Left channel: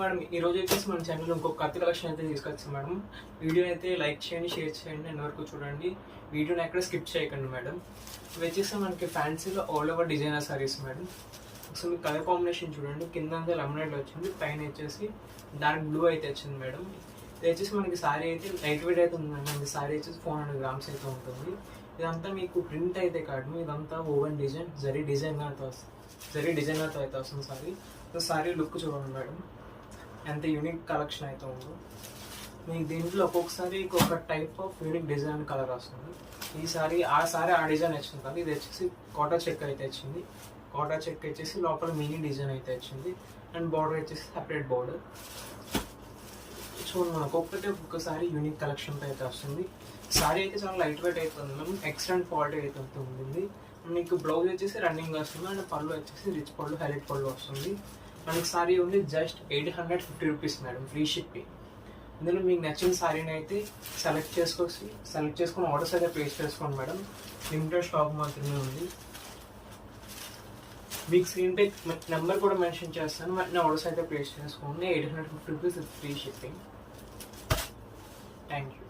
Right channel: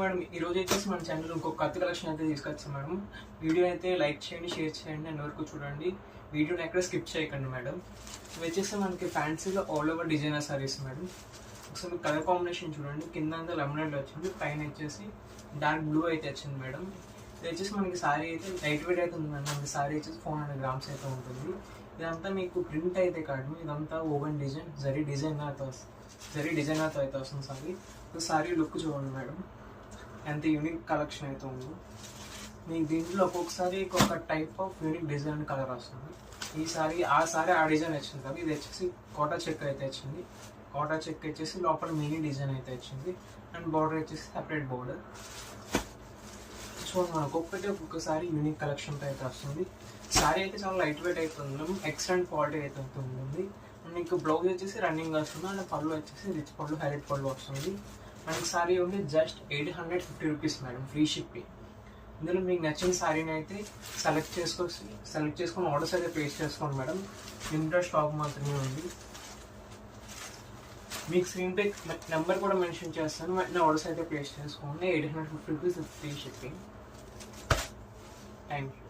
Madam ఈ రోజు అయితే మన ఛానల్ ఇంకొక కొత్త కలెక్షన్ అయితే తీసుకొచ్చాం మేడం. వీడియో అయితే లైక్ చేయండి, షేర్ చేయండి, అండ్ వరకు చూడండి. వీడియోని ఎక్కడ స్కిప్ చేయకండి మేడం. ఇవి వచ్చేసి మనకి ఫ్యాన్సీలో all over designer saris madam. ఒకసారి మీకు కలర్ కాంబినేషన్ చూడండి. కింద అంతా లెమనేడ్ వచ్చింది, పైన వచ్చేసి డార్క్ బ్లూ అయితే వచ్చింది మేడం. ఇది వచ్చేసి మనకి సారీ అయితే లైట్ వెయిట్ అయితే ఉంది మేడం. మనకి సారీ వచ్చేసి 400 grams అయితే ఉంటుంది. ఇదంతా మీకు ప్రింట్ అయితే కాదు, ఇదంతా ఓవెన్ డిజైన్ జరీ డిజైనర్తో అయితే వస్తుంది సారీ. సారీ లుక్ చూడండి మేడం, ఎంత యూనిక్ కలెక్షన్ అయితే ఉందో. మీకు దీంట్లో ఒక్కొక్కసారి ఒక్కొక్క type of unique design colour వస్తుంది. ఈ సారీ ఆ డిజైన్ వచ్చింది కాదు. ఇది వచ్చేసి కోటా చెక్ అయితే వచ్చింది. కోటా చెక్ వచ్చేసి లోపల మినీ డిజైన్ అయితే వచ్చింది, అండ్ బార్డర్ వచ్చేసి సపరేట్ బార్డర్. చూడండి మనకు ఒక్కొక్కసారి యూనిక్ కలెక్షన్తో అయితే వస్తుంది. సారీ అయితే చాలా లైట్ వెయిట్ అయితే ఉంది, ఎక్సలెంట్ క్వాలిటీ అయితే ఉంటుంది. మీకు బ్లౌజ్ వచ్చేసి రన్నింగ్ వస్తుంది, అండ్ పళ్ళు వచ్చేసి రిచ్ పళ్ళు, హైలైట్ పళ్ళు వస్తుంది. మనకి సారీ ఉంది just 850 rupees madam, free shipping. ఇందులో మీకు నచ్చిన సారీని అయితే సెలెక్ట్ చేసుకొని ఆర్డర్స్ అయితే ప్లేస్ చేసుకోండి మేడం. లిమిటెడ్ స్టాక్ మాత్రమే ఉంది. మీకు స్క్రీన్ పై నెంబర్ కూడా మెన్షన్ చేస్తాను, వెంటనే ఆర్డర్స్ అయితే ప్లేస్ చేసుకోండి. 850 rupees free shipping. Thank you.